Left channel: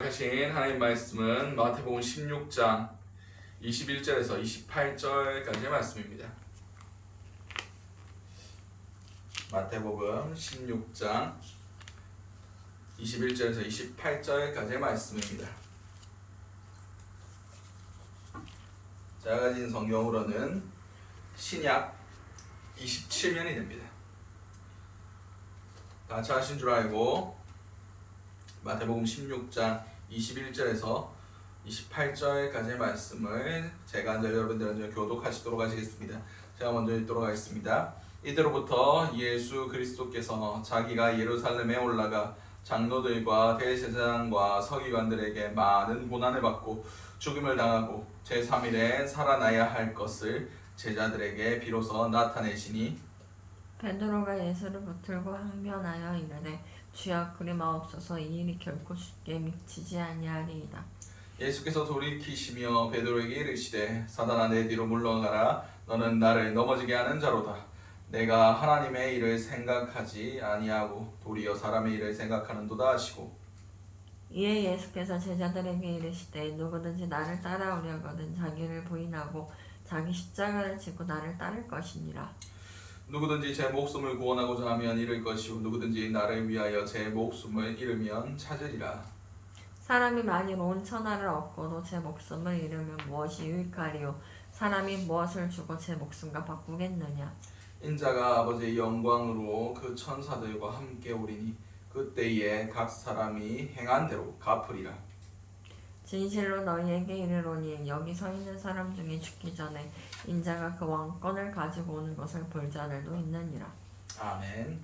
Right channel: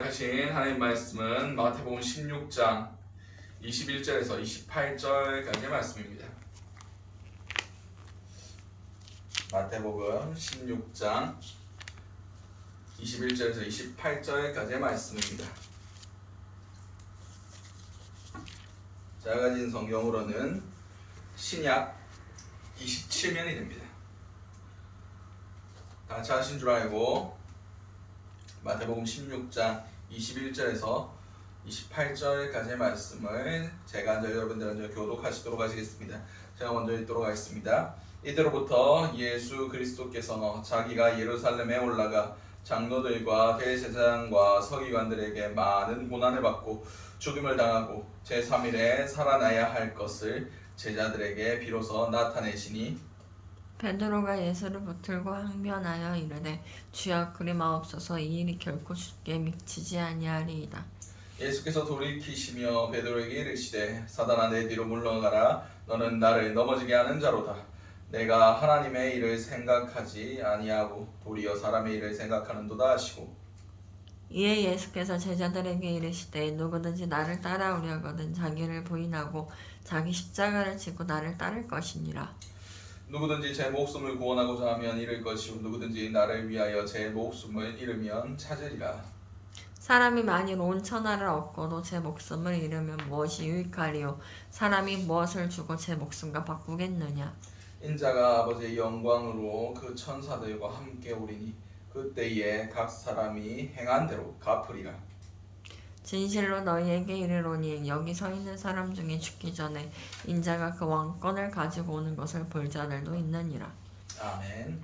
하신 하나님 말씀은 마태복음 16장 21절에서 28절까지의 말씀입니다. 마태복음 16장 21절에서 28절까지의 말씀입니다. 제가 가진 성경으로는 신약 27면이 됩니다. 다 찾으신 줄 알고 마태복음 16장 21절에서 28절까지의 말씀을 제가 앉아 여러분들한테 교독하시도록 하시겠습니다. 제가 먼저 읽도록 하겠습니다. 이때로부터 예수 그리스도께서 자기가 예루살렘에 올라가 장로들과 대제사장과 서기관들에게 많은 고난을 받고 죽임을 당하고 제3일에 살아나야 할 것을 제자들에게 비로소 나타내시니 베드로가 예수를 붙들고 항변하여 이르되 주여 그리 마옵소서 이 일이 결코 주께 미치지 아니하리이다. 예수께서 돌이키시며 베드로에게 이르시되 사단아 내 뒤로 물러가라 너는 나를 넘어지게 하는 자로다. 내가 하나님의 일을 생각하지 아니하고 도리어 사람의 일을 생각하는도다 하시고 이에 예수께서 제자들에게 이르시되 누구든지 나를 따라오려거든 자기를 부인하고 자기 십자가를 지고 나를 따를 것이니라. 누구든지 제 목숨을 구원하고자 하면 잃을 것이고 누구든지 나를 위하여 제 목숨을 잃으면 찾으리라. 사람이 만일 온 천하를 얻고도 제 목숨을 잃으면 무엇이 유익하리요? 사람이 무엇을 주고 제 목숨과 바꾸겠느냐? 인자가 아버지의 영광으로 그 천사들과 함께 오리니 그때에 각 사람이 행한 대로 갚으리라. 진실로 너희에게 이르노니 여기 서 있는 사람 중에 죽기 전에 인자가 그 왕권을 가지고 오는 것을 볼 자들도 있느니라. 아멘.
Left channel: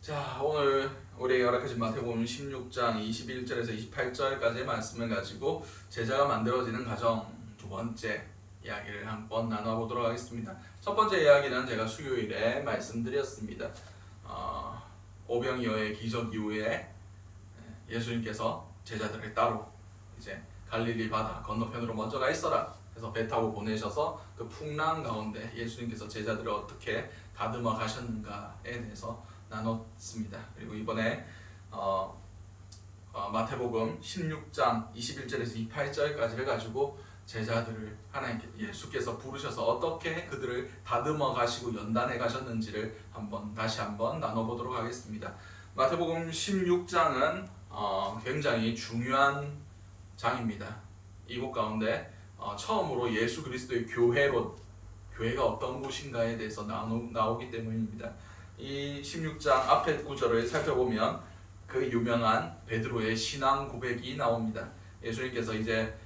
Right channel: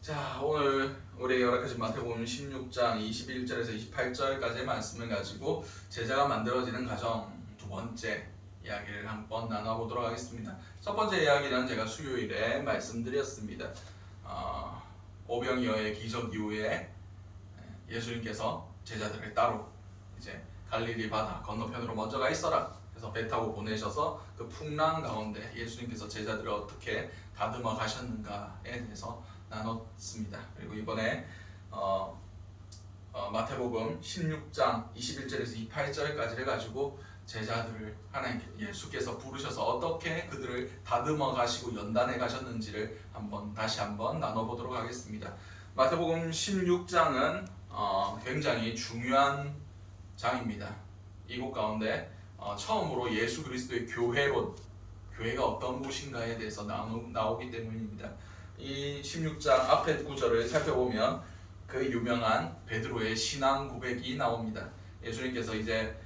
자, 오늘 우리 허락하신 마태복음 16장 21절에서 28절까지의 말씀을 가지고 제자가 만들어지는 과정 두 번째 이야기를 한번 나눠보도록 하겠습니다. 첫 번째 이야기는 제가 수요일에 말씀드렸습니다. 오병이어의 기적 이후에 예수님께서 제자들을 따로 이제 갈릴리 바다 건너편으로 먼저 가 있어라 해서 배 타고 보내셔서 그 풍랑 가운데 예수님께서 제자들을 어떻게 다듬어 가셨는가에 대해서 나눴습니다. 그리고 이번에 마태복음 16장 21절에서 28절까지를 가지고 제자들을 하나님께 예수께서 부르셔서 어떻게 그들을 다듬어 가시고 연단해 가셨는지를 다시 한번 나눠보도록 하겠습니다. 마태복음 16장은 굉장히 중요한 장입니다. 이곳 가운데 처음으로 예수 그리스도의 교회가 어떤 곳인가에 대해서 나오기 때문입니다. 이 16장 앞에 구절을 살펴보면 그 유명한 베드로의 신앙 고백이 나옵니다. 예수님께서 이제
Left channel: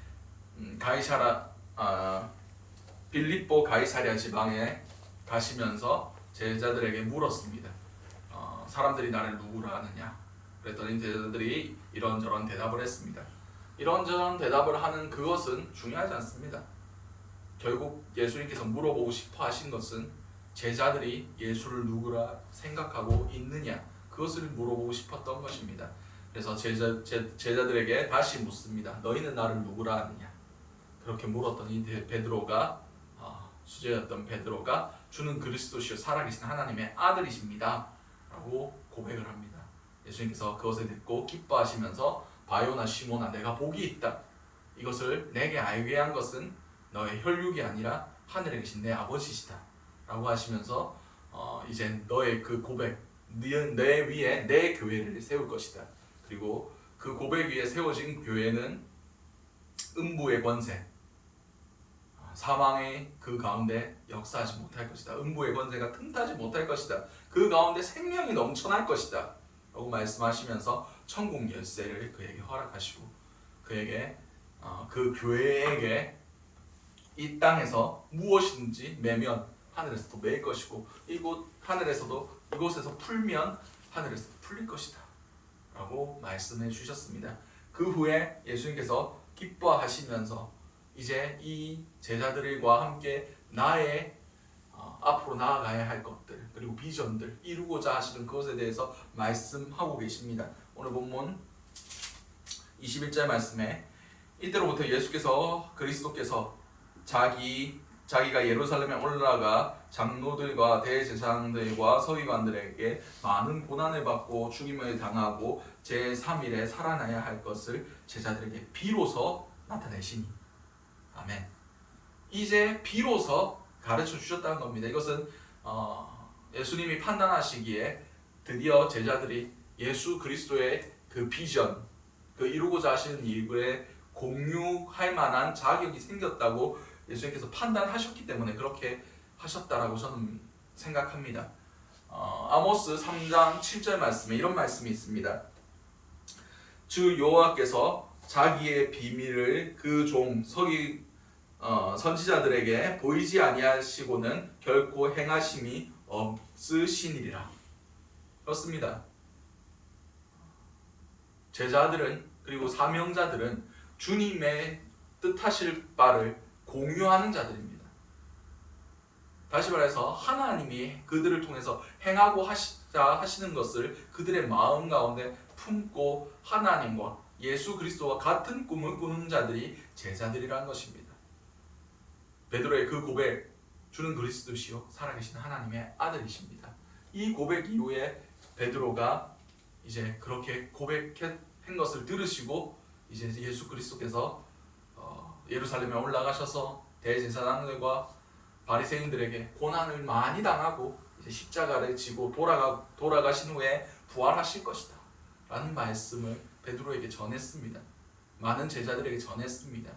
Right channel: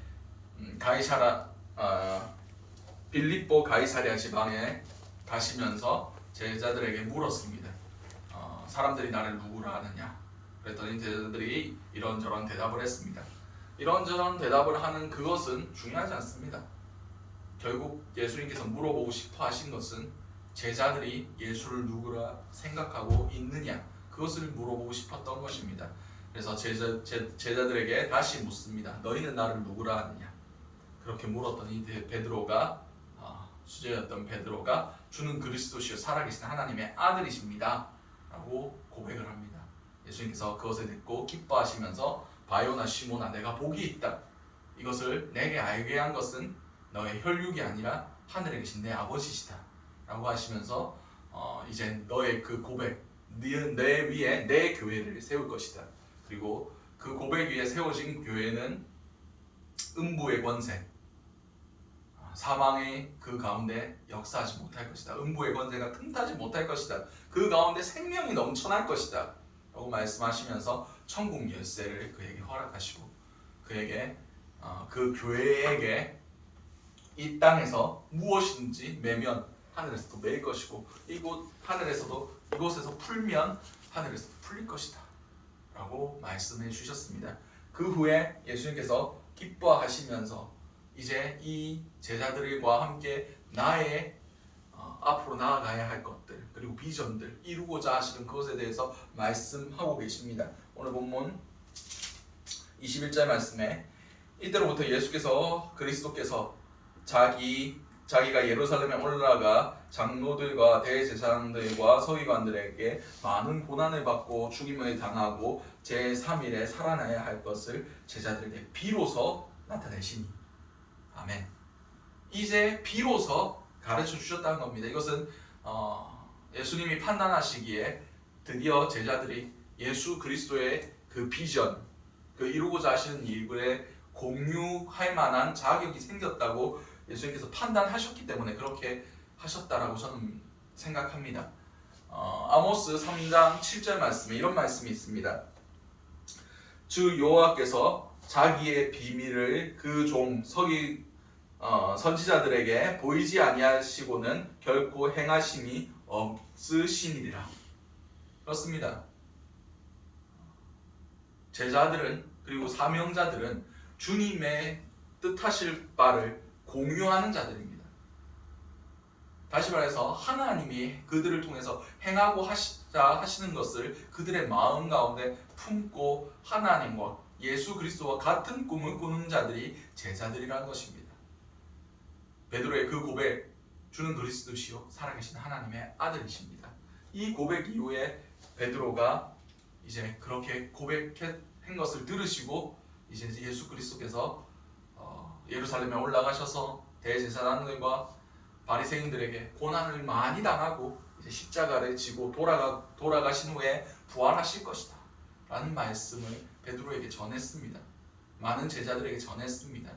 빌립보 가이사랴 지방에 가시면서 제자들에게 물었습니다. 사람들이 나를 누구라 하느냐? 그랬더니 제자들이 이런저런 대답을 했습니다. 이런저런 대답을 하는 그것은 중요하지 않습니다. 결국 예수님께서 물어보고 싶어 하신 것은 제자들이 예수를 누구라 생각하고 있느냐, 그것을 물어보고 싶었던 것입니다. 그래서 제자들에게 다시 묻습니다. 너희는 나를 누구라 하느냐? 그렇게 물었더니 베드로가 수제였던 베드로가 주는 그리스도시요 살아계신 하나님의 아들이십니다 라고 고백을 합니다. 예수님께서 그것을 듣고 기뻐하시면서 바요나 시몬아 내가 복이 있다. 이것을 내게 알게 한 것은 너의 혈육이 아니라 하늘에 계신 내 아버지시다 라고 하시면서 이제 너의 그 고백, 내 위에 내 교회를 세울 것이다. 그리고 그 고백 위에 세워진 교회는 음부의 권세, 사망의 그 가운데 역사하지 못할 것이다. 음부의 권세가 틈타지 못할 것이다. 그 가운데 생명이 넘쳐날 것이다 라고 말씀하시면서 천국 열쇠를 그에게 허락하시고 그에게 그 교회에게 이 땅에서 무엇이든지 매면 하늘에서도 매일 것이고 이곳에서 풀면 하늘에서도 풀릴 것이다 라고 말씀해 주셨습니다. 그 후에 예수님께서 기뻐하시면서 이제 이 제자들과 함께 나의 앞으로 나아가야 할 것들 그리고 비전들 이루고자 하시는 그것에 대해서 말씀하고 계십니다. 오늘 본문 21절 말씀에 이때로부터 예수께서 그리스도께서 자기 자기가 예루살렘에 올라가 장로들과 대제사장들과 서기관들에게 많은 고난을 받고 죽임을 당하고 제3일에 살아나야 할 것을 제자들에게 비로소 나타내시니. 아멘. 이제 비로소 가르쳐 주셨다는 겁니다. 이것은 예수님이 판단하시기에 드디어 제자들이 예수 그리스도의 그 비전, 그 이루고자 하시는 일에 공유할 만한 자격이 생겼다고 예수님께서 판단하셨기 때문에 그렇게 하셨다라고 저는 생각합니다. 아모스 3장 7절 말씀에 이런 말씀이 있습니다. 주 여호와께서 자기의 비밀을 그 종 선지자들에게 보이지 아니하시고는 결코 행하심이 없으시니라. 그렇습니다. 제자들은 그리고 사명자들은 주님의 뜻하실 바를 공유하는 자들입니다. 다시 말해서 하나님이 그들을 통해서 행하고 하시는 것을 그들의 마음 가운데 품고 하나님과 예수 그리스도와 같은 꿈을 꾸는 자들이 제자들이라는 것입니다. 베드로의 그 고백, 주는 그리스도시요 살아계신 하나님의 아들이십니다. 이 고백 이후에 베드로가 이제 그렇게 고백한 것을 들으시고 이제 예수 그리스도께서 예루살렘에 올라가셔서 대제사장들과 바리새인들에게 고난을 많이 당하고 이제 십자가를 지고 돌아가신 후에 부활하실 것이다 라는 말씀을 베드로에게 전했습니다. 많은 제자들에게 전했습니다.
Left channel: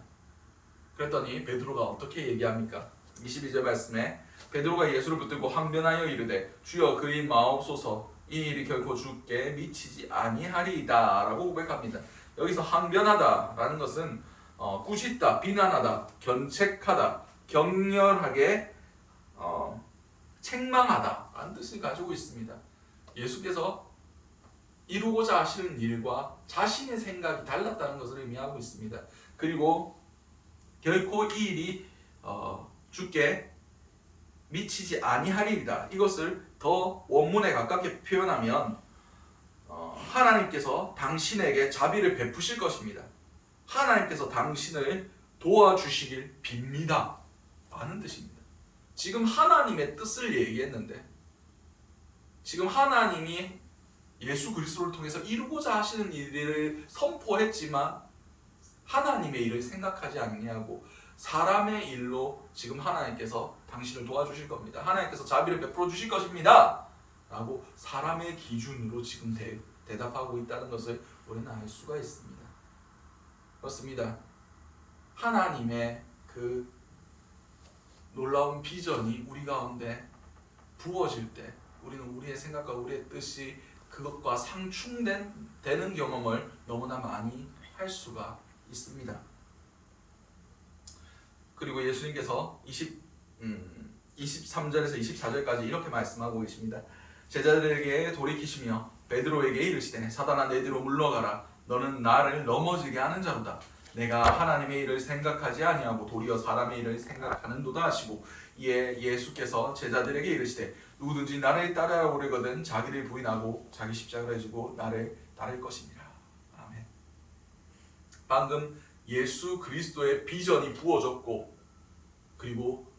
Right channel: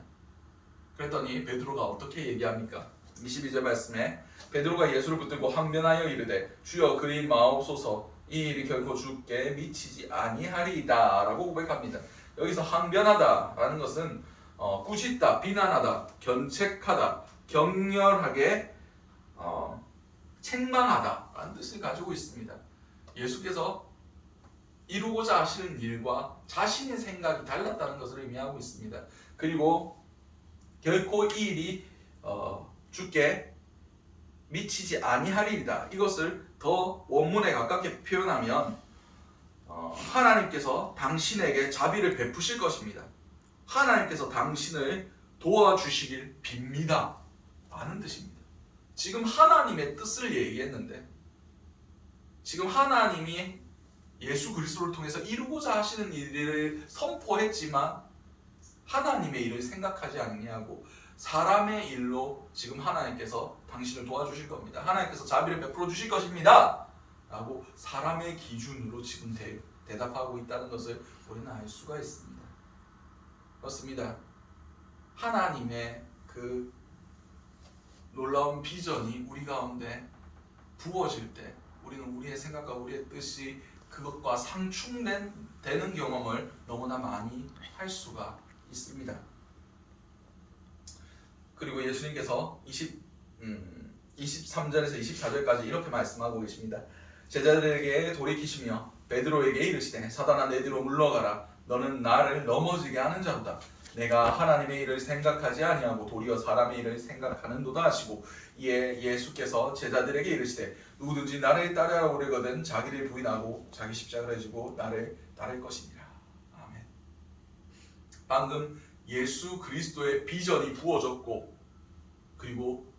그랬더니 베드로가 어떻게 얘기합니까? 22절 말씀에 베드로가 예수를 붙들고 항변하여 이르되 주여 그리 마옵소서 이 일이 결코 주께 미치지 아니하리이다 라고 고백합니다. 여기서 항변하다 라는 것은 꾸짖다, 비난하다, 견책하다, 격렬하게 책망하다 라는 뜻을 가지고 있습니다. 예수께서 이루고자 하시는 일과 자신의 생각이 달랐다는 것을 의미하고 있습니다. 그리고 결코 이 일이 주께 미치지 아니하리이다. 이것을 더 원문에 가깝게 표현하면 하나님께서 당신에게 자비를 베푸실 것입니다. 하나님께서 당신을 도와주시길 빕니다 라는 뜻입니다. 지금 하나님의 뜻을 얘기했는데 지금 하나님이 예수 그리스도를 통해서 이루고자 하시는 일을 선포했지만 하나님의 일을 생각하지 아니하고 사람의 일로 지금 하나님께서 당신을 도와주실 겁니다. 하나님께서 자비를 베풀어 주실 것입니다 라고 사람의 기준으로 지금 대답하고 있다는 것을 우리는 알 수가 있습니다. 그렇습니다. 하나님의 그 놀라운 비전이 우리 가운데 부어질 때 우리는 우리의 생각과 우리의 뜻이 그것과 상충되는 경험을 너무나 많이 할 수가 있습니다. 그리고 예수님께서 23절에서 24절까지 이렇게 말씀하고 계십니다. 제자들에게 돌이키시며 베드로에게 이르시되 사단아 내 뒤로 물러가라 너는 나를 넘어지게 하는 자로다. 내가 하나님의 일을 생각하지 아니하고 도리어 사람의 일을 생각하는도다 하시고 이에 예수께서 제자들에게 이르시되 누구든지 나를 따르려거든 자기를 부인하고 자기 십자가를 지고 나를 따를 것이니라. 아멘. 방금 예수 그리스도의 비전이 부어졌고 그리고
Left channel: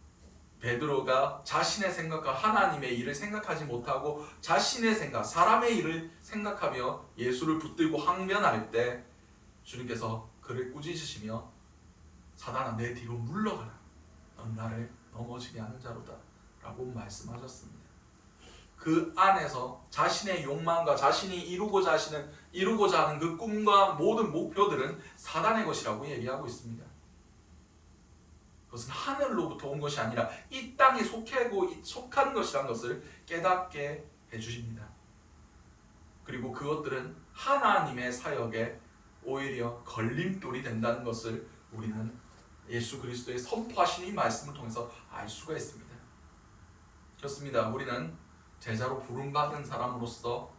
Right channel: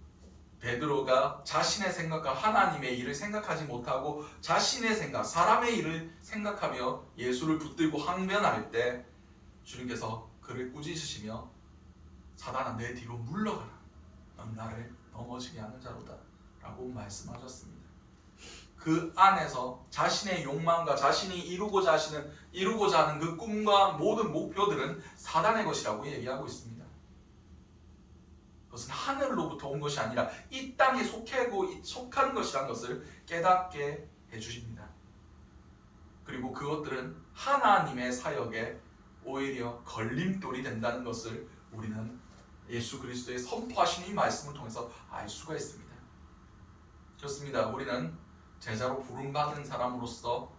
베드로가 자신의 생각과 하나님의 일을 생각하지 못하고 자신의 생각, 사람의 일을 생각하며 예수를 붙들고 항변할 때 주님께서 그를 꾸짖으시며 사단아 내 뒤로 물러가라 넌 나를 넘어지게 하는 자로다 라고 말씀하셨습니다. 그 안에서 자신의 욕망과 자신이 이루고자 하는 그 꿈과 모든 목표들은 사단의 것이라고 얘기하고 있습니다. 그것은 하늘로부터 온 것이 아니라 이 땅에 속한 것이라는 것을 깨닫게 해주십니다. 그리고 그것들은 하나님의 사역에 오히려 걸림돌이 된다는 것을 우리는 예수 그리스도의 선포하신 이 말씀을 통해서 알 수가 있습니다. 그렇습니다. 우리는 제자로 부름받은 사람으로서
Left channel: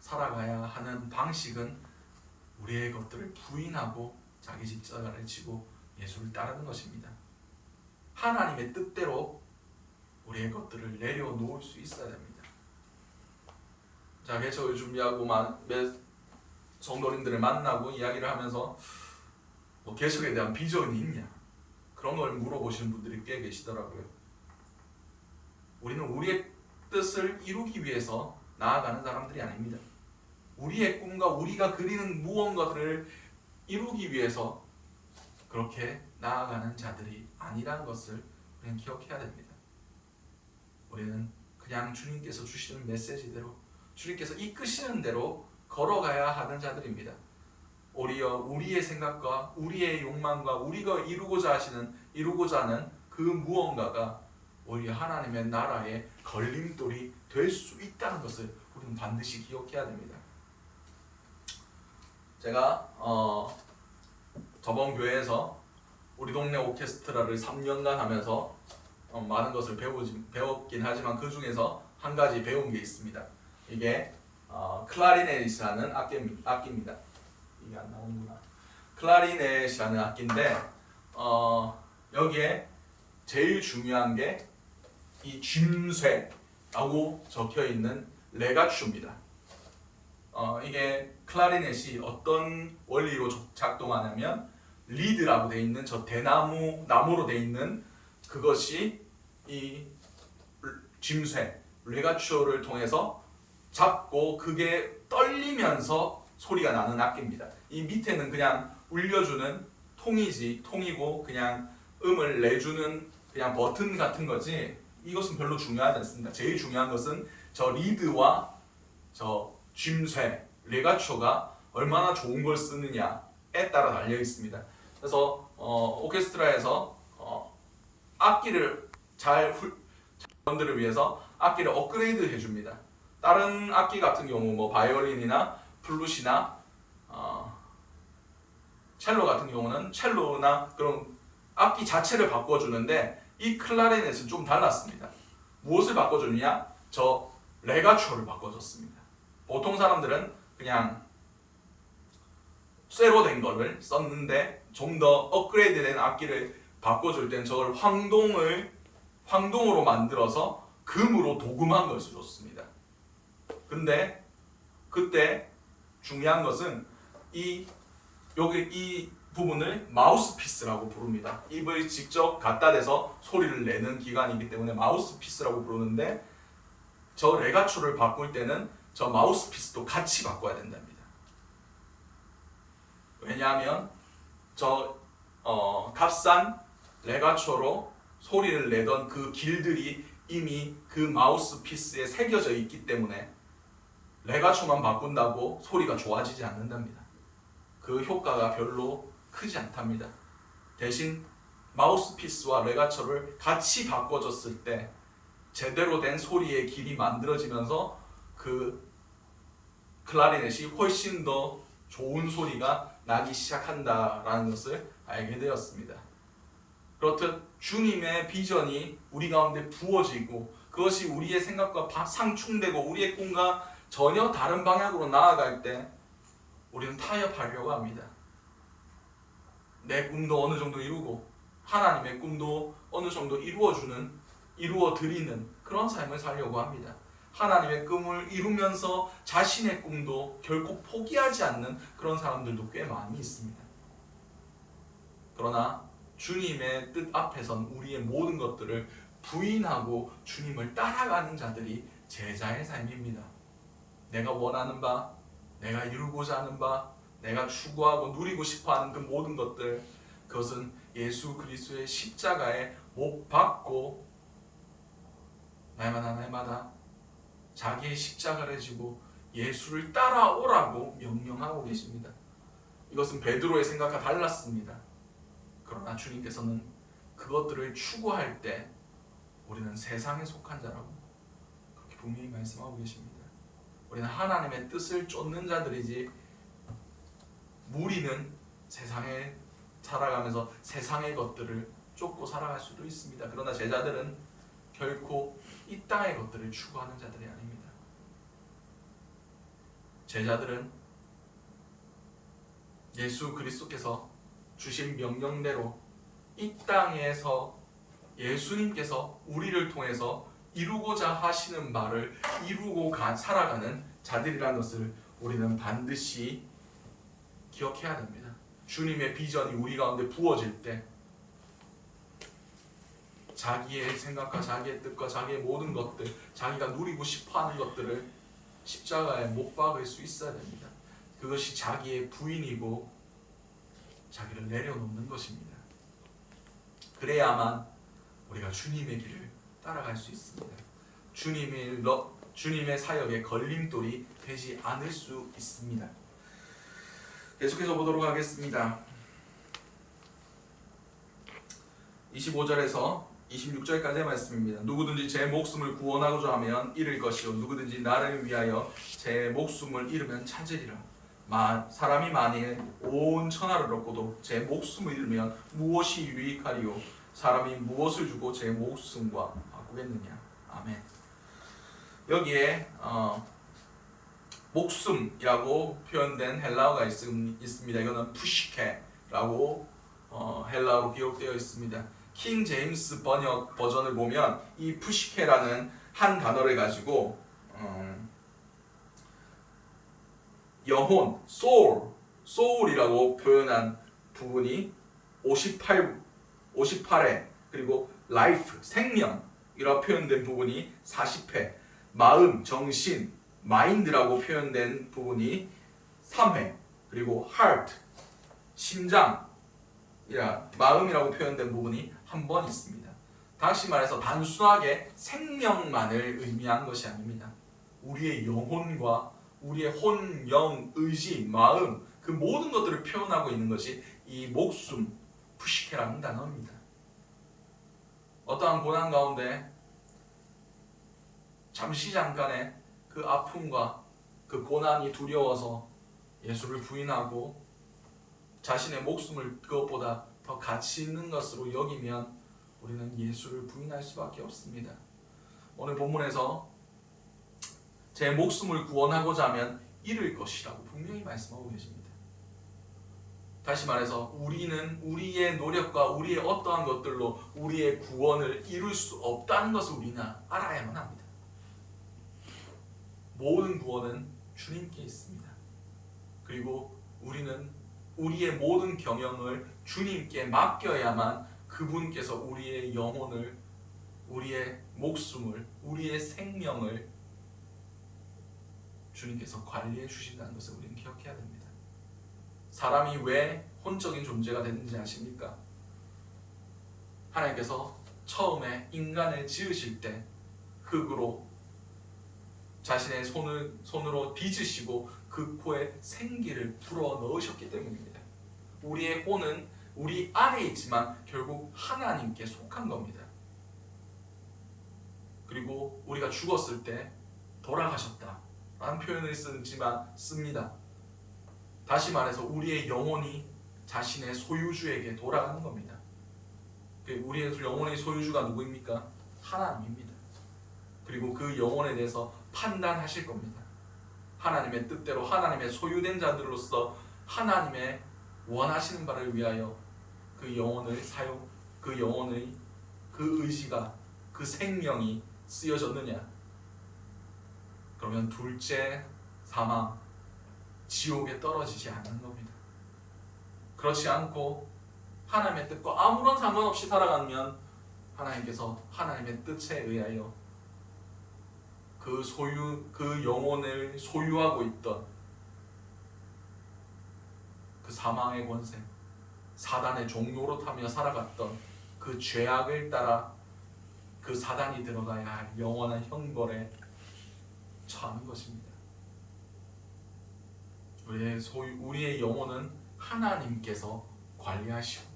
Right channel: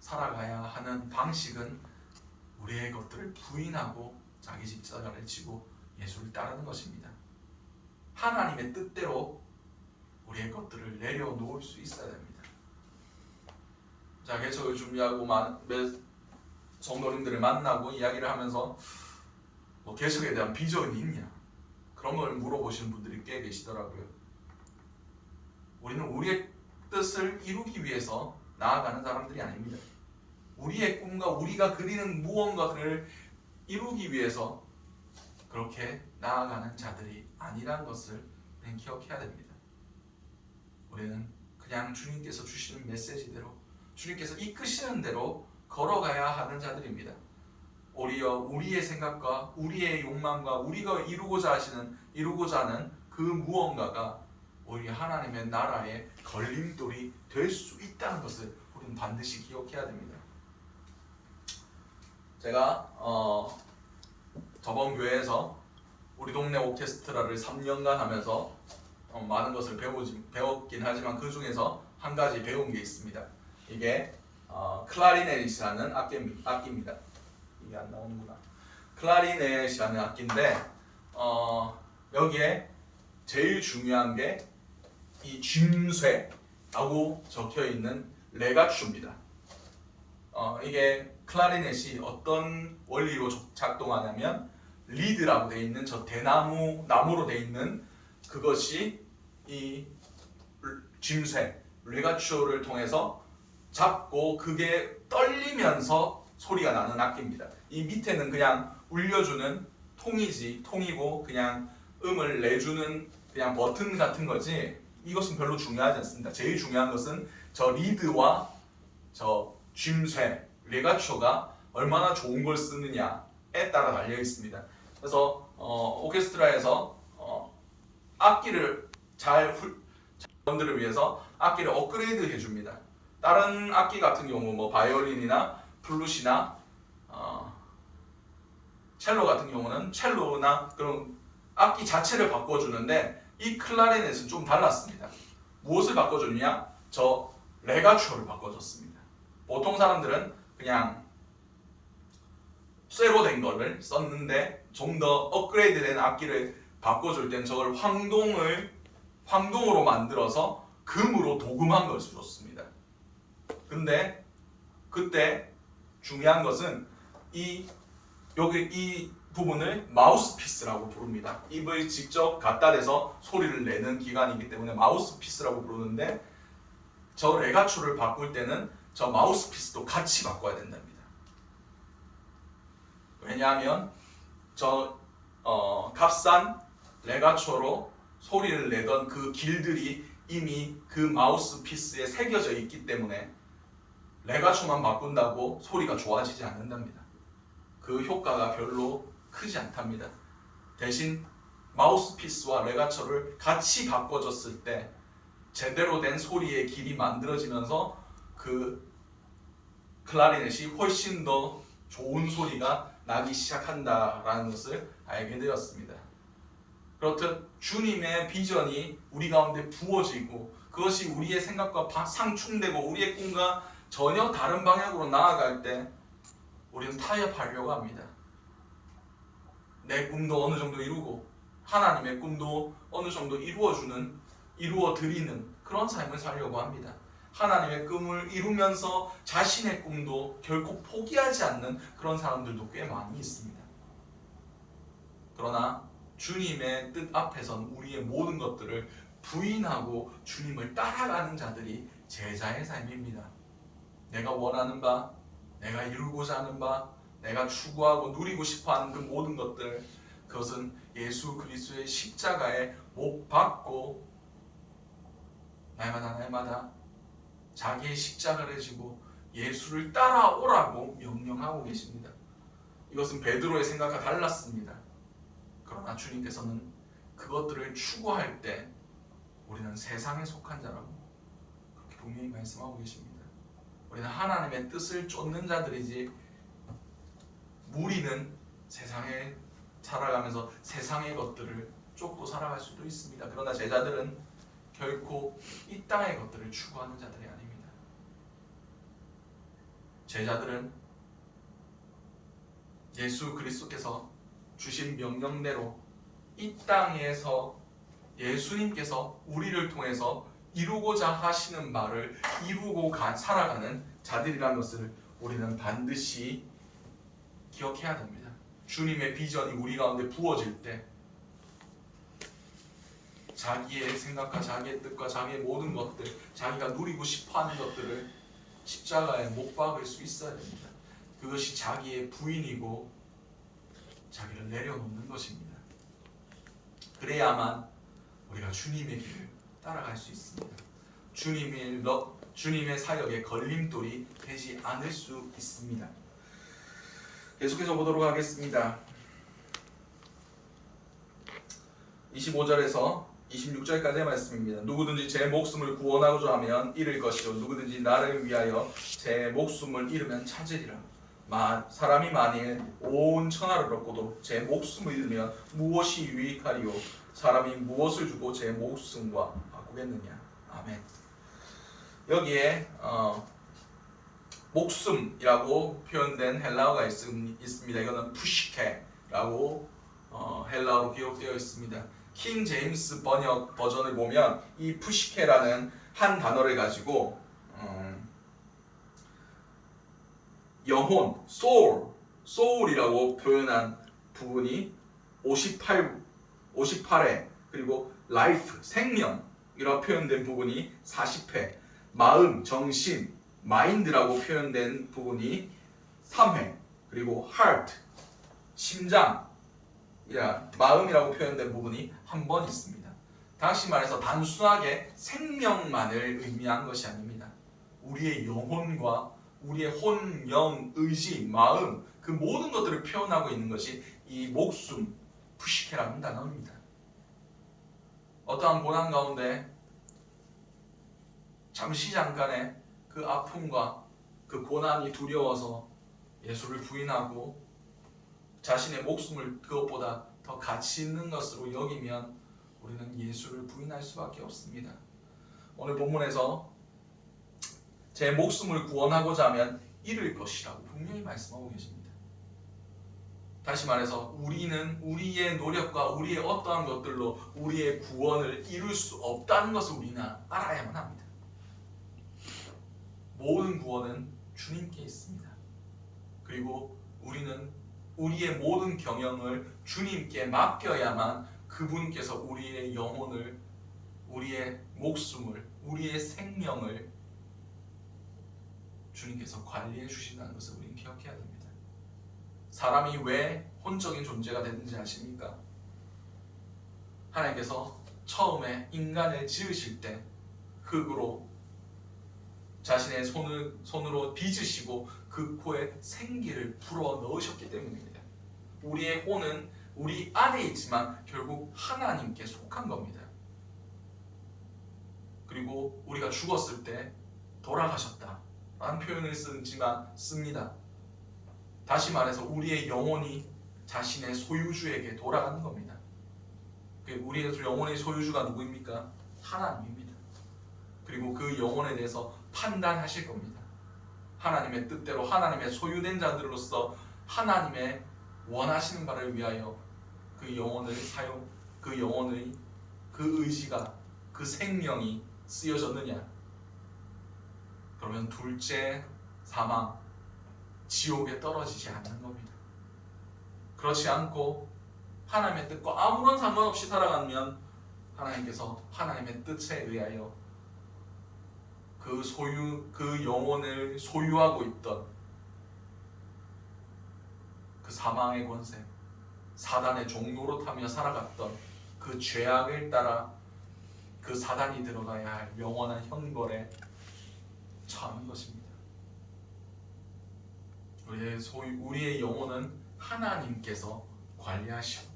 살아가야 하는 방식은 우리의 것들을 부인하고 자기 십자가를 지고 예수를 따르는 것입니다. 하나님의 뜻대로 우리의 것들을 내려놓을 수 있어야 됩니다. 자, 개척을 준비하고 성도님들을 만나고 이야기를 하면서 개척에 대한 비전이 있냐? 그런 걸 물어보시는 분들이 꽤 계시더라고요. 우리는 우리의 뜻을 이루기 위해서 나아가는 사람들이 아닙니다. 우리의 꿈과 우리가 그리는 무언가를 이루기 위해서 그렇게 나아가는 자들이 아니라는 것을 우리는 기억해야 됩니다. 우리는 그냥 주님께서 주시는 메시지대로, 주님께서 이끄시는 대로 걸어가야 하는 자들입니다. 오히려 우리의 생각과 우리의 욕망과 우리가 이루고자 하는 그 무언가가 오히려 하나님의 나라의 걸림돌이 될 수 있다는 것을 우리는 반드시 기억해야 됩니다. 제가 저번 교회에서 우리 동네 오케스트라를 3년간 하면서 많은 것을 배웠긴 하지만 그 중에서 한 가지 배운 게 있습니다. 이게 클라리넷이라는 악기입니다. 이게 안 나오는구나. 클라리넷이라는 악기인데 여기에 제일 중요한 게 이 쥐쇠라고 적혀 있는 레가추입니다. 이게 클라리넷이 어떤 원리로 작동하냐면 리드라고 되어 있는 저 나무로 되어 있는 그것이 이 쥐쇠 레가추를 통해서 잡고 그게 떨리면서 소리가 나는 악기입니다. 이 밑에는 그냥 울려주는 통이고 그냥 음을 내주는 그냥 버튼 같은 거지 이것은 별로 중요하지 않습니다. 제일 중요한 것은 저 리드와 저 쥐쇠 레가초가 얼마나 좋은 걸 쓰느냐에 따라 달려 있습니다. 그래서 오케스트라에서 악기를 분들을 위해서 악기를 업그레이드 해줍니다. 다른 악기 같은 경우 뭐 바이올린이나 플룻이나 첼로 같은 경우는 첼로나 그런 악기 자체를 바꿔주는데 이 클라리넷은 좀 달랐습니다. 무엇을 바꿔줬냐? 저 레가초를 바꿔줬습니다. 보통 사람들은 그냥 쇠로 된 거를 썼는데 좀 더 업그레이드된 악기를 바꿔줄 땐 저걸 황동으로 만들어서 금으로 도금한 것을 줬습니다. 근데 그때 중요한 것은 이 부분을 마우스피스라고 부릅니다. 입을 직접 갖다 대서 소리를 내는 기관이기 때문에 마우스피스라고 부르는데 저 레가초를 바꿀 때는 저 마우스피스도 같이 바꿔야 된답니다. 왜냐하면 저 값싼 레가초로 소리를 내던 그 길들이 이미 그 마우스피스에 새겨져 있기 때문에 레가초만 바꾼다고 소리가 좋아지지 않는답니다. 그 효과가 별로 크지 않답니다. 대신 마우스피스와 레가초를 같이 바꿔줬을 때 제대로 된 소리의 길이 만들어지면서 그 클라리넷이 훨씬 더 좋은 소리가 나기 시작한다라는 것을 알게 되었습니다. 그렇듯 주님의 비전이 우리 가운데 부어지고 그것이 우리의 생각과 상충되고 우리의 꿈과 전혀 다른 방향으로 나아갈 때 우리는 타협하려고 합니다. 내 꿈도 어느 정도 이루고 하나님의 꿈도 어느 정도 이루어드리는 그런 삶을 살려고 합니다. 하나님의 꿈을 이루면서 자신의 꿈도 결코 포기하지 않는 그런 사람들도 꽤 많이 있습니다. 그러나 주님의 뜻 앞에선 우리의 모든 것들을 부인하고 주님을 따라가는 자들이 제자의 삶입니다. 내가 원하는 바, 내가 이루고자 하는 바, 내가 추구하고 누리고 싶어하는 그 모든 것들, 그것은 예수 그리스도의 십자가에 못 박고 날마다 자기의 십자가를 지고 예수를 따라오라고 명령하고 계십니다. 이것은 베드로의 생각과 달랐습니다. 그러나 주님께서는 그것들을 추구할 때 우리는 세상에 속한 자라고 그렇게 분명히 말씀하고 계십니다. 우리는 하나님의 뜻을 쫓는 자들이지 무리는 세상에 살아가면서 세상의 것들을 쫓고 살아갈 수도 있습니다. 그러나 제자들은 결코 이 땅의 것들을 추구하는 자들이 아닙니다. 제자들은 예수 그리스도께서 주신 명령대로 이 땅에서 예수님께서 우리를 통해서 이루고자 하시는 바를 이루고 살아가는 자들이라는 것을 우리는 반드시 기억해야 됩니다. 주님의 비전이 우리 가운데 부어질 때 자기의 생각과 자기의 뜻과 자기의 모든 것들, 자기가 누리고 싶어하는 것들을 십자가에 못 박을 수 있어야 됩니다. 그것이 자기의 부인이고 자기를 내려놓는 것입니다. 그래야만 우리가 주님의 길을 따라갈 수 있습니다. 주님의 사역에 걸림돌이 되지 않을 수 있습니다. 계속해서 보도록 하겠습니다. 25절에서 26절까지의 말씀입니다. 누구든지 제 목숨을 구원하고자 하면 잃을 것이요 누구든지 나를 위하여 제 목숨을 잃으면 찾으리라. 사람이 만일 온 천하를 얻고도 제 목숨을 잃으면 무엇이 유익하리요? 사람이 무엇을 주고 제 목숨과 바꾸겠느냐? 아멘. 여기에 목숨이라고 표현된 헬라어가 있습니다. 이거는 푸시케라고 헬라어로 기록되어 있습니다. 킹 제임스 번역 버전을 보면 이 푸시케라는 한 단어를 가지고 영혼, soul이라고 표현한 부분이 58회, 그리고 life, 생명이라고 표현된 부분이 40회, 마음, 정신, mind라고 표현된 부분이 3회, 그리고 heart, 심장, 마음이라고 표현된 부분이 한 번 있습니다. 다시 말해서 단순하게 생명만을 의미한 것이 아닙니다. 우리의 영혼과 우리의 혼, 영, 의지, 마음 그 모든 것들을 표현하고 있는 것이 이 목숨, 푸시케라는 단어입니다. 어떠한 고난 가운데 잠깐의 그 아픔과 그 고난이 두려워서 예수를 부인하고 자신의 목숨을 그것보다 더 가치 있는 것으로 여기면 우리는 예수를 부인할 수밖에 없습니다. 오늘 본문에서 제 목숨을 구원하고자 하면 잃을 것이라고 분명히 말씀하고 계십니다. 다시 말해서 우리는 우리의 노력과 우리의 어떠한 것들로 우리의 구원을 이룰 수 없다는 것을 우리는 알아야만 합니다. 모든 구원은 주님께 있습니다. 그리고 우리는 우리의 모든 경영을 주님께 맡겨야만 그분께서 우리의 영혼을, 우리의 목숨을, 우리의 생명을 주님께서 관리해 주신다는 것을 우리는 기억해야 됩니다. 사람이 왜 혼적인 존재가 됐는지 아십니까? 하나님께서 처음에 인간을 지으실 때 흙으로 자신의 손으로 빚으시고 그 코에 생기를 불어 넣으셨기 때문입니다. 우리의 혼은 우리 안에 있지만 결국 하나님께 속한 겁니다. 그리고 우리가 죽었을 때 돌아가셨다 라는 표현을 씁니다. 다시 말해서 우리의 영혼이 자신의 소유주에게 돌아가는 겁니다. 우리의 영혼의 소유주가 누구입니까? 하나님입니다. 그리고 그 영혼에 대해서 판단하실 겁니다. 하나님의 뜻대로 하나님의 소유된 자들로서 하나님의 원하시는 바를 위하여 그 영혼을 그 영혼의 그 의지가, 그 생명이 쓰여졌느냐? 그러면 둘째 사망, 지옥에 떨어지지 않는 겁니다. 그렇지 않고 하나님의 뜻과 아무런 상관없이 살아가면 하나님께서 하나님의 뜻에 의하여 그 영혼을 소유하고 있던 그 사망의 권세, 사단의 종노릇 하며 살아갔던 그 죄악을 따라 그 사단이 들어가야 할 영원한 형벌에 처하는 것입니다. 우리의 영혼은 하나님께서 관리하시고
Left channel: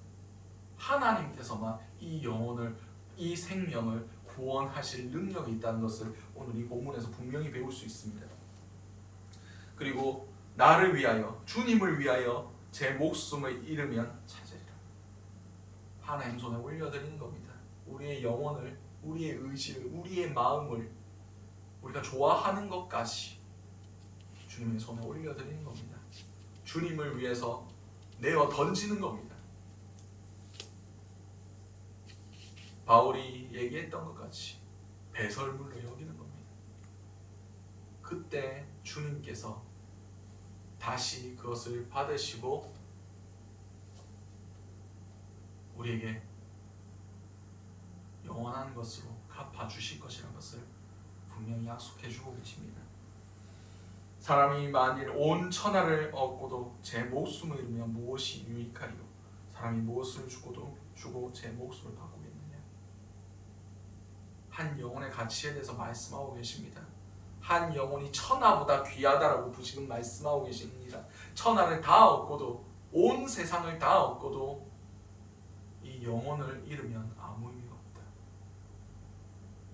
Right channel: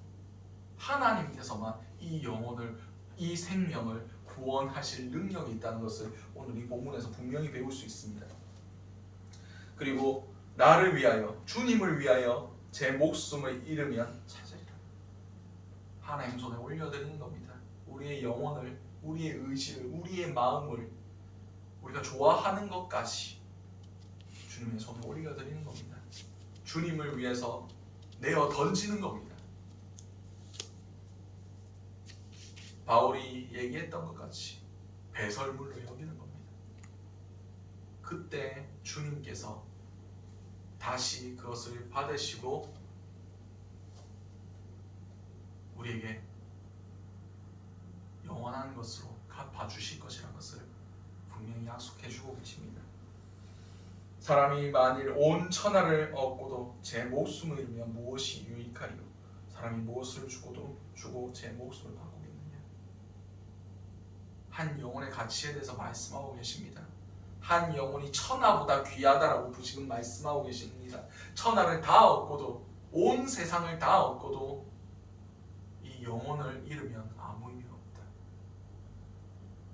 하나님께서만 이 영혼을, 이 생명을 구원하실 능력이 있다는 것을 오늘 이 본문에서 분명히 배울 수 있습니다. 그리고 나를 위하여, 주님을 위하여 제 목숨을 잃으면 찾으리라. 하나님 손에 올려드리는 겁니다. 우리의 영혼을, 우리의 의지를, 우리의 마음을, 우리가 좋아하는 것까지 주님의 손에 올려드리는 겁니다. 주님을 위해서 내어 던지는 겁니다. 바울이 얘기했던 것 같이 배설물로 여기는 겁니다. 그때 주님께서 다시 그것을 받으시고 것으로 갚아주실 것이라는 것을 분명히 약속해주고 계십니다. 사람이 만일 온 천하를 얻고도 제 목숨을 잃으면 무엇이 유익하리요? 사람이 무엇을 주고 제 목숨을 바꾸겠느냐? 한 영혼의 가치에 대해서 말씀하고 계십니다. 한 영혼이 천하보다 귀하다라고 지금 말씀하고 계십니다. 천하를 다 얻고도, 온 세상을 다 얻고도 이 영혼을 잃으면 아무 의미가 없다.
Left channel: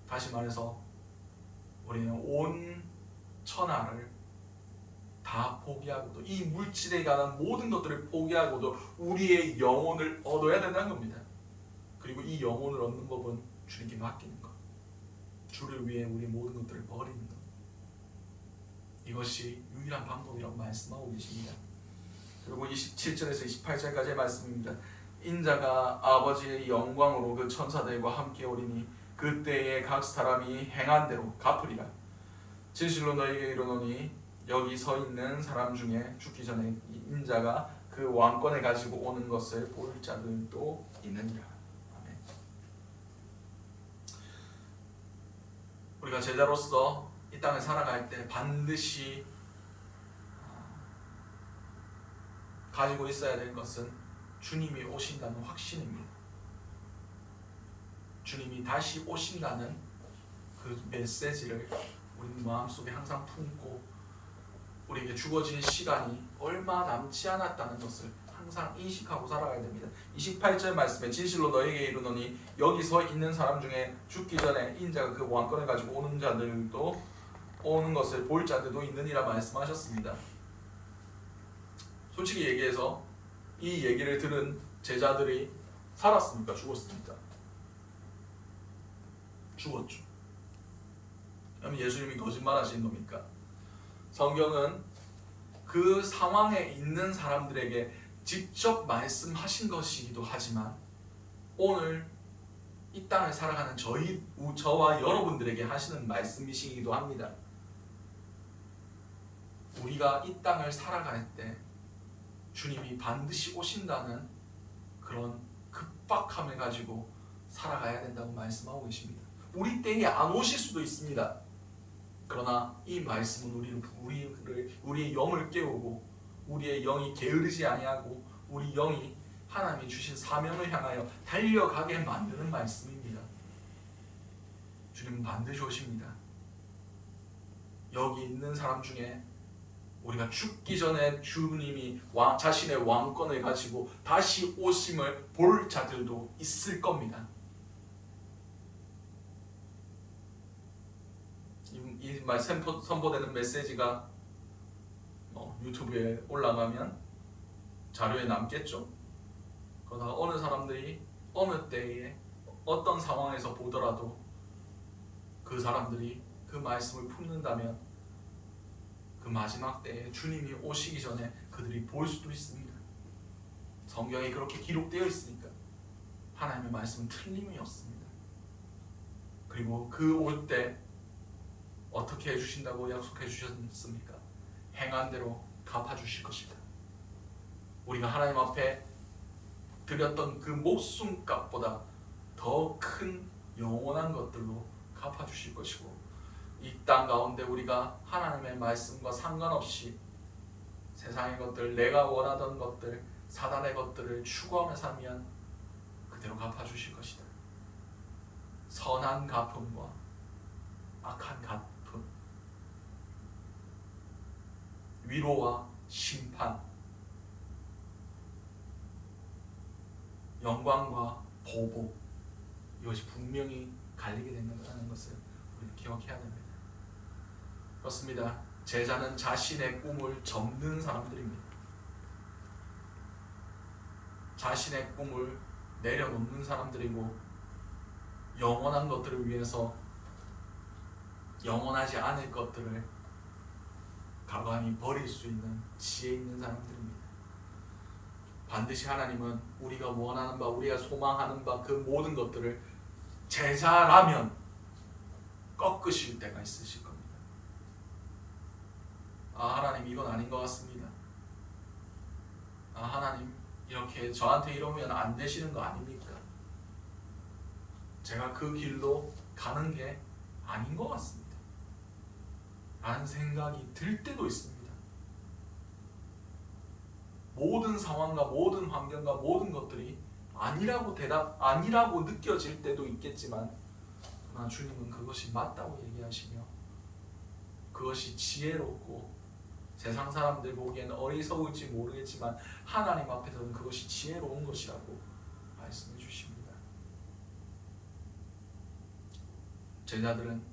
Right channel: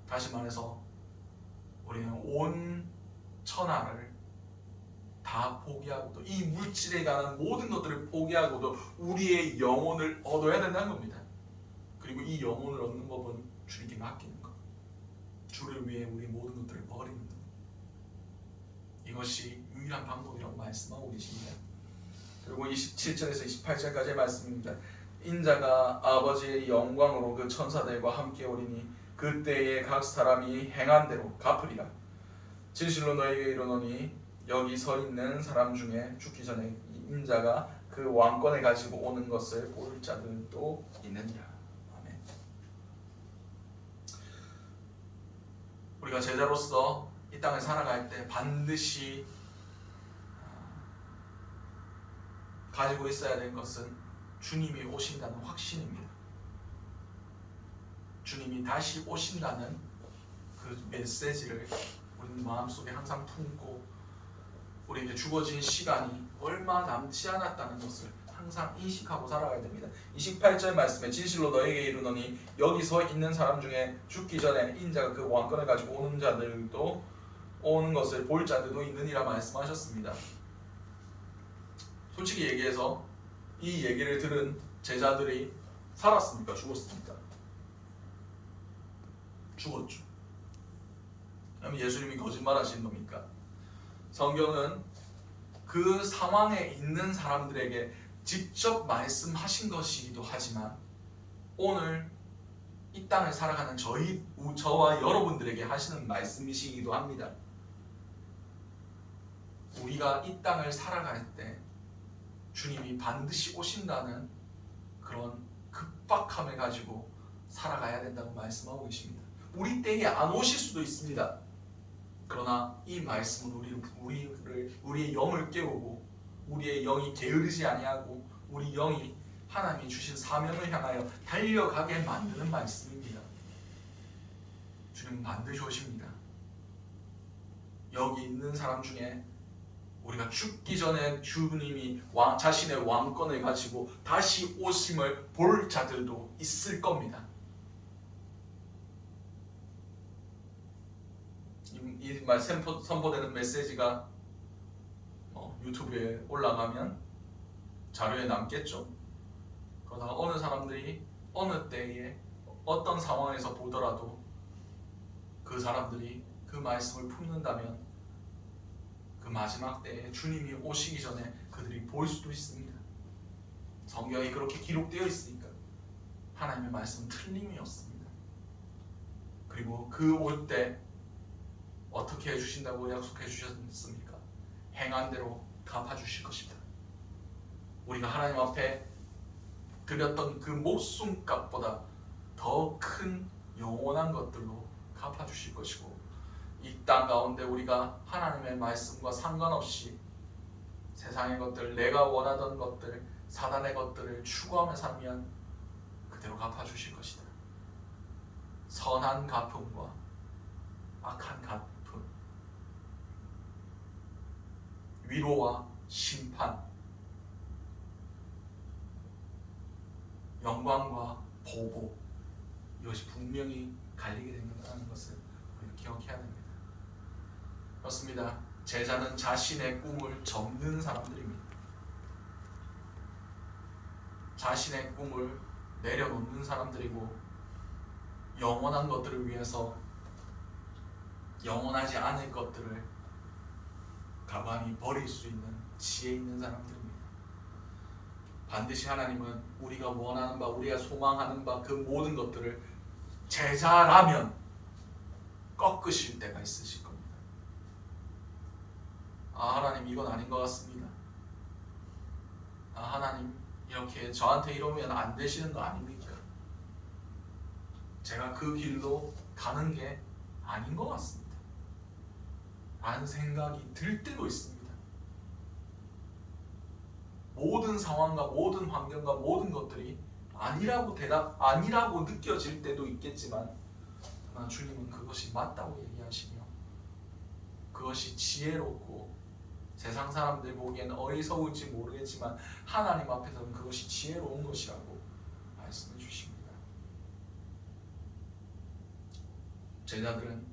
다시 말해서 우리는 온 천하를 다 포기하고도, 이 물질에 관한 모든 것들을 포기하고도 우리의 영혼을 얻어야 된다는 겁니다. 그리고 이 영혼을 얻는 법은 주님께 맡기는 것, 주를 위해 우리 모든 것들을 버리는 것, 이것이 유일한 방법이라고 말씀하고 계십니다. 그리고 27절에서 28절까지의 말씀입니다. 인자가 아버지의 영광으로 그 천사들과 함께 오리니 그때에 각 사람이 행한 대로 갚으리라. 진실로 너에게 이르노니 여기 서 있는 사람 중에 죽기 전에 인자가 그 왕권을 가지고 오는 것을 볼 자들도 있느니라. 아멘. 우리가 제자로서 이 땅을 살아갈 때 반드시 가지고 있어야 될 것은 주님이 오신다는 확신입니다. 주님이 다시 오신다는 그 메시지를 우리 마음속에 항상 품고 우리에게 주어진 시간이 얼마 남지 않았다는 것을 항상 인식하고 살아가야 됩니다. 28절 말씀에 진실로 너에게 이르노니 여기 서 있는 사람 중에 죽기 전에 인자가 그 왕권을 가지고 오는 자들도 오는 것을 볼 자들도 있느니라 말씀하셨습니다. 솔직히 얘기해서 이 얘기를 들은 제자들이 살았습니까? 죽었습니까? 죽었죠. 그럼 예수님이 거짓말하신 겁니까? 성경은 그 상황에 있는 사람들에게 직접 말씀하신 것이기도 하지만 오늘 이 땅을 살아가는 저와 여러분들에게 하시는 말씀이시기도 합니다. 우리가 이 땅을 살아갈 때 주님이 반드시 오신다는 그런 급박함을 가지고 살아가야 된다고 말씀하고 계십니다. 우리 때에 안 오실 수도 있습니다. 그러나 이 말씀은 우리의 영을 깨우고 우리의 영이 게으르지 아니하고 우리 영이 하나님이 주신 사명을 향하여 달려가게 만드는 말씀입니다. 주님은 반드시 오십니다. 여기 있는 사람 중에 우리가 죽기 전에 주님이 자신의 왕권을 가지고 다시 오심을 볼 자들도 있을 겁니다. 이 말 선포되는 메시지가 유튜브에 올라가면 자료에 남겠죠. 그러나 어느 사람들이 어느 때에 어떤 상황에서 보더라도 그 사람들이 그 말씀을 품는다면 그 마지막 때에 주님이 오시기 전에 그들이 볼 수도 있습니다. 성경에 그렇게 기록되어 있으니까 하나님의 말씀은 틀림이 없습니다. 그리고 그 올 때 어떻게 해주신다고 약속해 주셨습니까? 행한 대로 갚아주실 것이다. 우리가 하나님 앞에 드렸던 그 목숨값보다 더 큰 영원한 것들로 갚아주실 것이고 이 땅 가운데 우리가 하나님의 말씀과 상관없이 세상의 것들, 내가 원하던 것들, 사단의 것들을 추구하며 살면 그대로 갚아주실 것이다. 선한 갚음과 악한 갚음, 위로와 심판, 영광과 보복, 이것이 분명히 갈리게 된다는 것을 우리는 기억해야 됩니다. 그렇습니다. 제자는 자신의 꿈을 접는 사람들입니다. 자신의 꿈을 내려놓는 사람들이고 영원한 것들을 위해서 영원하지 않을 것들을 가만히 버릴 수 있는 지혜 있는 사람들입니다. 반드시 하나님은 우리가 원하는 바, 우리가 소망하는 바 그 모든 것들을 제자라면 꺾으실 때가 있으실 겁니다. 하나님 이건 아닌 것 같습니다. 하나님 이렇게 저한테 이러면 안 되시는 거 아닙니까? 제가 그 길로 가는 게 아닌 것 같습니다 라는 생각이 들 때도 있습니다. 모든 상황과 모든 환경과 모든 것들이 아니라고 느껴질 때도 있겠지만, 그러나 주님은 그것이 맞다고 얘기하시며 그것이 지혜롭고 세상 사람들 보기에는 어리석을지 모르겠지만 하나님 앞에서는 그것이 지혜로운 것이라고 말씀해 주십니다. 제자들은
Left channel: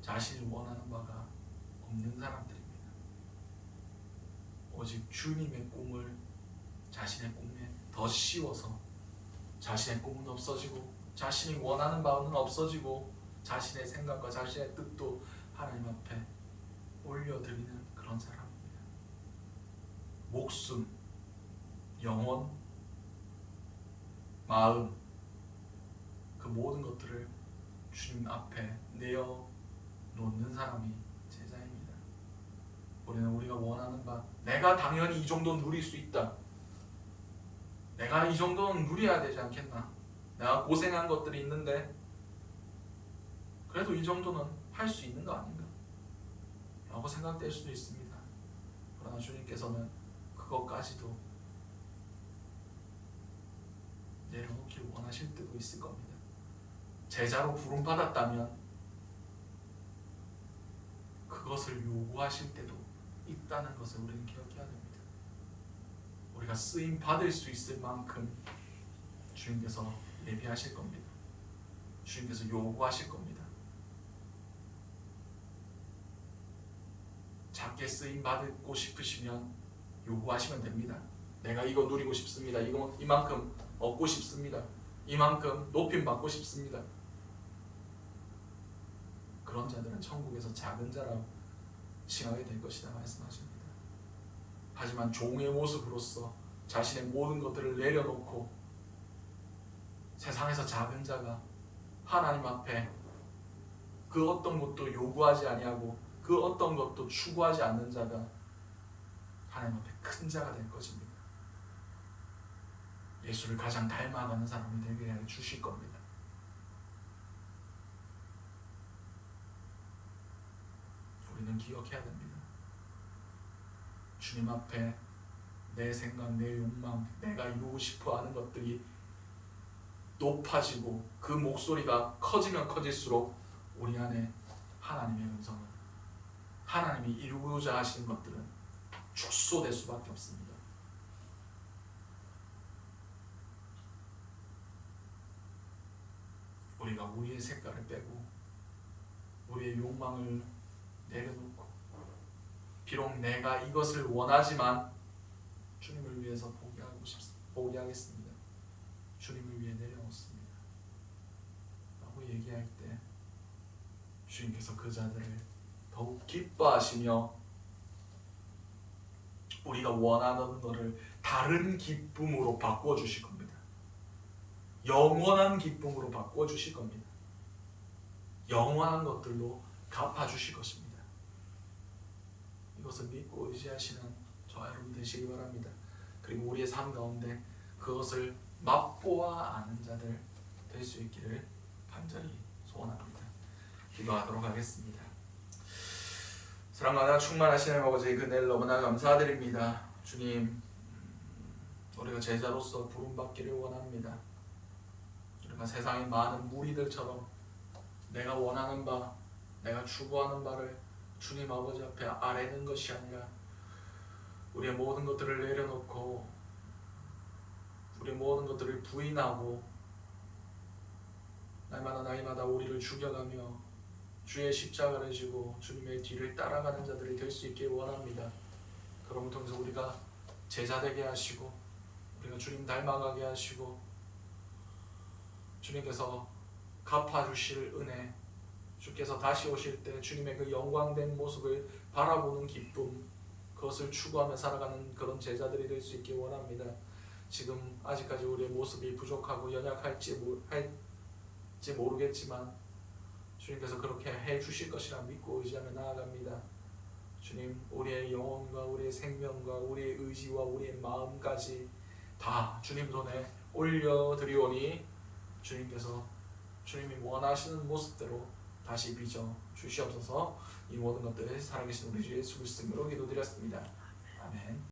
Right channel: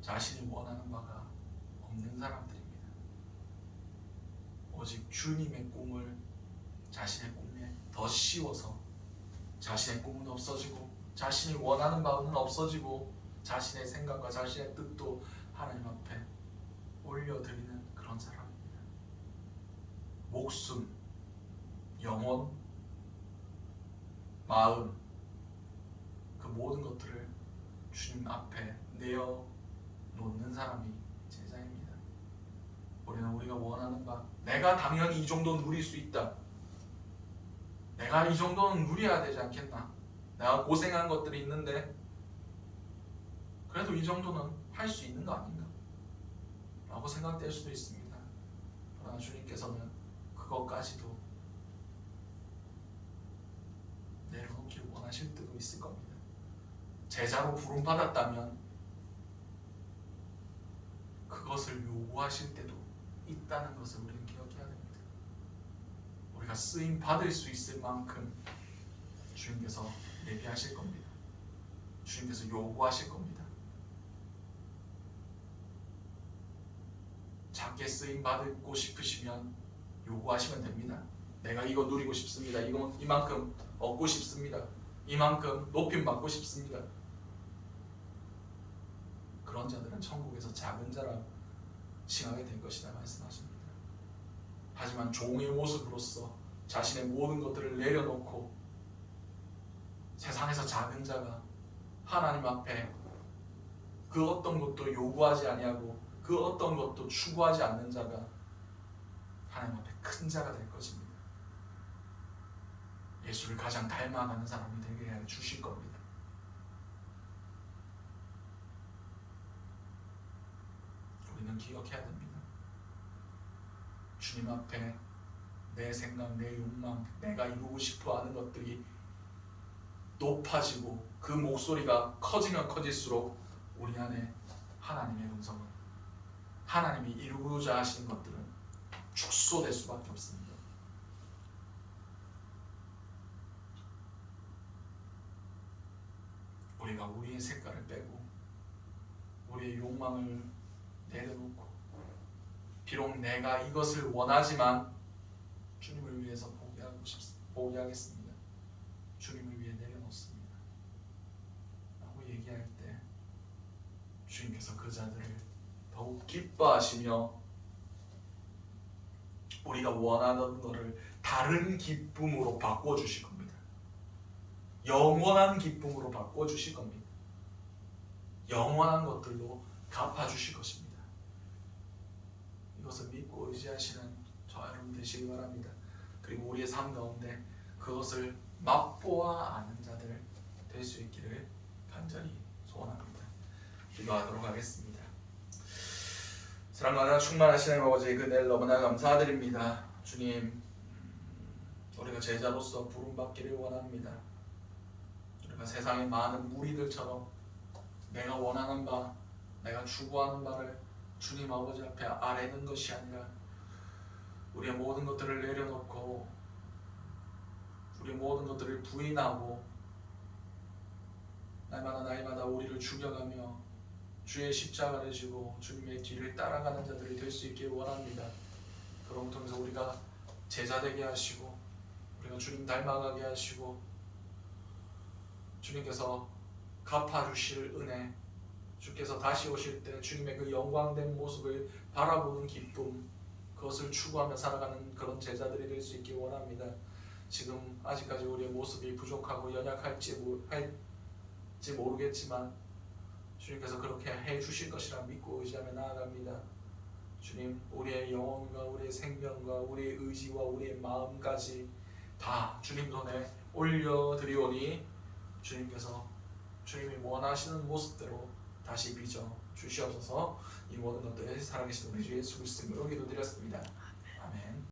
자신이 원하는 바가 없는 사람들입니다. 오직 주님의 꿈을 자신의 꿈에 더 씌워서 자신의 꿈은 없어지고 자신이 원하는 바는 없어지고 자신의 생각과 자신의 뜻도 하나님 앞에 올려드리는 그런 사람입니다. 목숨, 영혼, 마음, 그 모든 것들을 주님 앞에 내어놓는 사람이 제자입니다. 우리는 우리가 원하는 바, 내가 당연히 이 정도 누릴 수 있다, 내가 이 정도는 누려야 되지 않겠나, 내가 고생한 것들이 있는데 그래도 이 정도는 할 수 있는 거 아닌가 라고 생각될 수도 있습니다. 그러나 주님께서는 그것까지도 내려놓기를 원하실 때도 있을 겁니다. 제자로 부름받았다면 그것을 요구하실 때도 있다는 것을 우리는 기억해야 됩니다. 우리가 쓰임 받을 수 있을 만큼 주님께서 예비하실 겁니다. 주님께서 요구하실 겁니다. 작게 쓰임 받고 싶으시면 요구하시면 됩니다. 내가 이거 누리고 싶습니다. 이만큼 얻고 싶습니다. 이만큼 높임 받고 싶습니다. 그런 자들은 천국에서 작은 자라 칭하게 될 것이다 말씀하십니다. 하지만 종의 모습으로서 자신의 모든 것들을 내려놓고 세상에서 작은 자가 하나님 앞에 그 어떤 것도 요구하지 아니하고 그 어떤 것도 추구하지 않는 자가 하나님 앞에 큰 자가 될 것입니다. 예수를 가장 닮아가는 사람이 되게 해 주실 겁니다. 우리는 기억해야 됩니다. 주님 앞에 내 생각, 내 욕망, 내가 이루고 싶어 하는 것들이 높아지고 그 목소리가 커지면 커질수록 우리 안에 하나님의 음성은, 하나님이 이루고자 하시는 것들은 축소될 수밖에 없습니다. 우리가 우리의 색깔을 빼고 우리의 욕망을 내려놓고 비록 내가 이것을 원하지만 주님을 위해서 포기하겠습니다. 주님을 위해 내려놓습니다. 라고 얘기할 때 주님께서 그 자들을 더욱 기뻐하시며 우리가 원하는 것을 다른 기쁨으로 바꿔주실 겁니다. 영원한 기쁨으로 바꿔주실 겁니다. 영원한 것들로 갚아주실 것입니다. 이것을 믿고 의지하시는 저와 여러분 되시기 바랍니다. 그리고 우리의 삶 가운데 그것을 맛보아 아는 자들 될 수 있기를 간절히 소원합니다. 기도하도록 하겠습니다. 사랑과 충만하신 하나님 아버지, 그날 너무나 감사드립니다. 주님, 우리가 제자로서 부름받기를 원합니다. 우리가 세상의 많은 무리들처럼 내가 원하는 바, 내가 추구하는 바를 주님 아버지 앞에 아뢰는 것이 아니라 우리의 모든 것들을 내려놓고 우리의 모든 것들을 부인하고 날마다 우리를 죽여가며 주의 십자가를 지고 주님의 뒤를 따라가는 자들이 될 수 있길 원합니다. 그럼을 통해서 우리가 제자 되게 하시고 우리가 주님 닮아가게 하시고 주님께서 갚아주실 은혜, 주께서 다시 오실 때 주님의 그 영광된 모습을 바라보는 기쁨, 그것을 추구하며 살아가는 그런 제자들이 될 수 있길 원합니다. 지금 아직까지 우리의 모습이 부족하고 연약할지 모르겠지만 주님께서 그렇게 해주실 것이라 믿고 의지하며 나아갑니다. 주님, 우리의 영혼과 우리의 생명과 우리의 의지와 우리의 마음까지 다 주님 손에 올려드리오니 주님께서 주님이 원하시는 모습대로 다시 빚어 주시옵소서. 이 모든 것들 살아계신 우리 주 예수 그리스도 이름으로 기도드렸습니다.